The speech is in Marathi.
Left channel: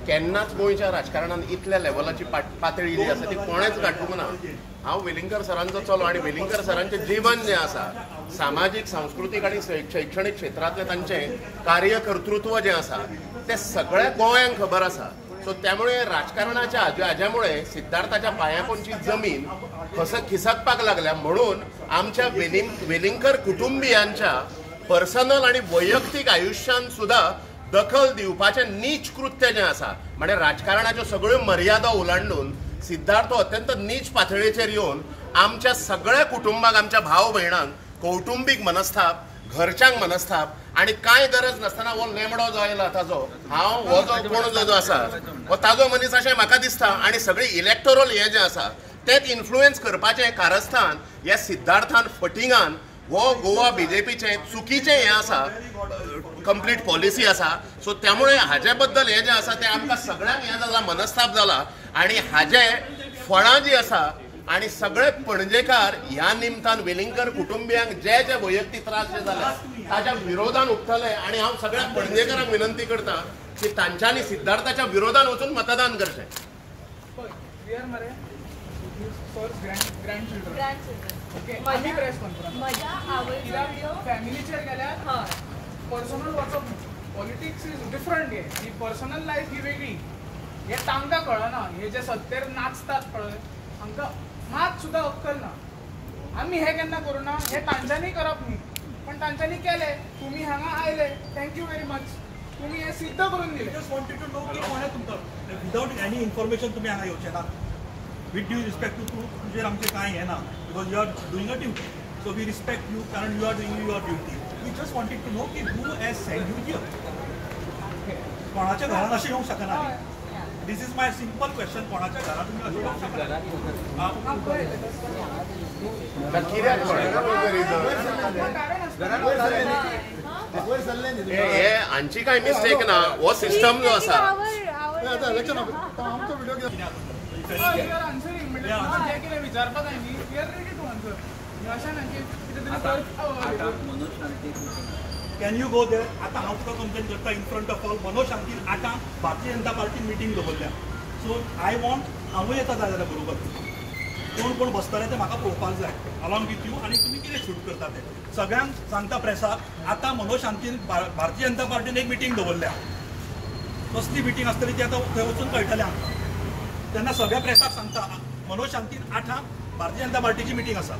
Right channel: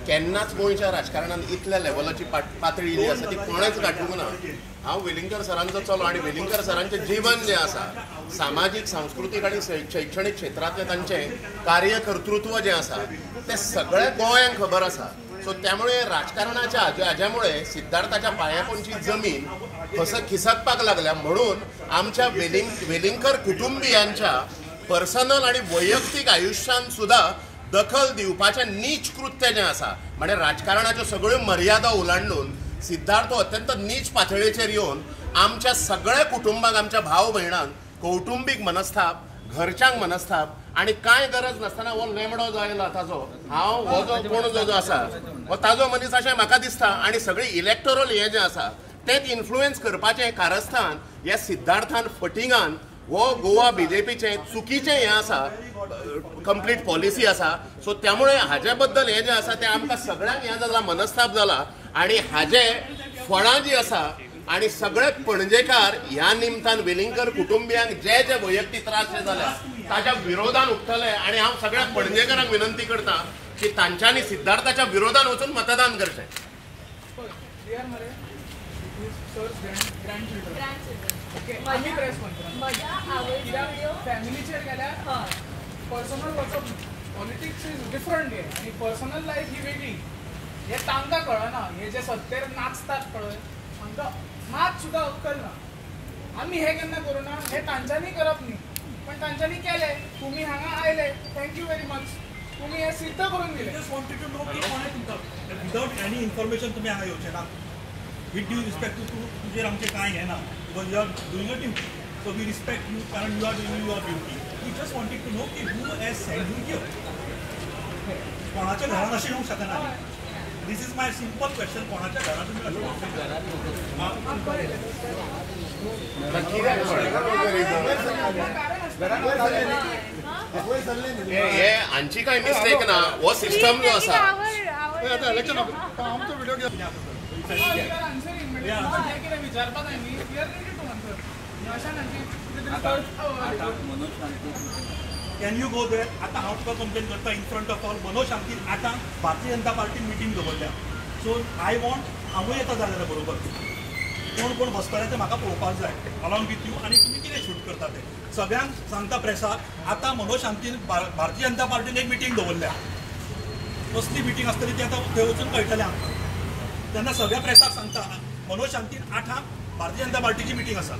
केन्नाच गोंयच्या राजकारणात इतल्या लेवलाची पातळी जी आसा ती कोणेच गाठूंक ना। हांव वेलिंगकर सरांचो चलो आनी वेलिंगकर सरांचें जीवन जें आसा सामाजीक सांस्कृतीक आनी शैक्षणीक क्षेत्रांतलें तांचें कार्यकर्तृत्व जें आसा तें सगळ्या गोंयांक खबर आसा। सो त्यामुळे राजकारणाच्या हाज्यामुळे सिद्धार्थाच्या पांयापोंदची जमीन खिसकपाक लागल्या म्हणून आमच्या वेलिंगकर कुटुंबियांच्या पर्सनल आनी वैयक्तीक आयुश्यान सुद्धा दखल दिवपाचें नीच कृत्य जें आसा म्हणजे राजकारणाच्यो सगळ्यो मर्यादा ओलांडून सिद्धार्थ अत्यंत नीच पातळेचेर येवन आमच्या सगळ्या कुटुंबाक आमच्या भाव भयणांक कौटुंबीक मनस्ताप घरच्यांक मनस्ताप आनी कांय गरज नासतना हो लेमडो जो आयला ताजो हांव हो जो कोण जो आसा हो ताजो मनीस अशें म्हाका दिसता आनी सगळी इलेक्टोरल हें जें आसा तें इन्फ्लुएन्स करपाचें कारस्थान ह्या सिद्धार्थान फटिंगान हो गोवा बीजेपीचें चुकीचें हें आसा कंप्लीट पॉलिसी आसा। सो त्यामुळे हाजे बद्दल हें जें आसा तें आमकां सगळ्यांक हें जाला मनस्ताप जाला आनी हाजे फळां जीं आसा आनी सगळे पणजेकार ह्या निमतान वेलिंगकर कुटुंबियांक जे जे वैयक्तीक त्रास जे जाले ताच्या विरोधान उठतले आनी हांव सगळ्या पणजेकारांक विनंती करता की तांच्यांनी सिद्धार्थाच्या विरोधान वचून मतदान करचें। पर्सनल वचप पॉलिटिक्स इज डिफरंट हे आणि पर्सनल लायफ ही वेगळी हे तांकां कळना। हे जे सत्तेर नाचतात पळय तांकां मात सुद्दां अक्कल ना। आमी हे केन्ना करूना हे तांच्यांनी करप न्ही पण तांच्यांनी केले। तुमी हांगा आयले थँक्यू व्हेरी मच तुम्ही हे सिद्ध करून दिले। जस्ट वॉन्टेड टू नो की कोणे तुमकां विदाउट एनी इन्फॉर्मेशन तुम्ही हांगा येवचे ना विथ ड्यू रिस्पेक्ट टू तुजेर आमचे कांय हें ना because you are doing a duty so we respect you कारण you are doing your duty. We just wanted to know कि who has sent you here. कोणाच्या घरात असे येऊ शकना। This is my simple question. कोणाच्या घरात तुम्ही असे येऊ शकना? हे हांची काय मिस्टेक ना हो सिस्टम जो आसा Can you go there? आता हांव तुका कंप्लेन करता in front of all Manoj Shanti आतां भारतीय जनता पार्टीन मिटींग दवरल्या सो आय वॉन्ट हांवूय येता जाल्यार बरोबर कोण कोण बसतले ते म्हाका पळोवपाक जाय अलॉंग विथ यू आनी तुमी कितें शूट करता ते सगळ्यांक सांगता प्रेसाक आतां मनोज शांतीन भारतीय जनता पार्टीन एक मिटींग दवरल्या कसली मिटींग आसतली ती आतां थंय वचून कळटलें आमकां तेन्ना सगळ्या प्रेसाक सांगता मनोज शांतीन 8 भारतीय जनता पार्टीची मिटींग आसा।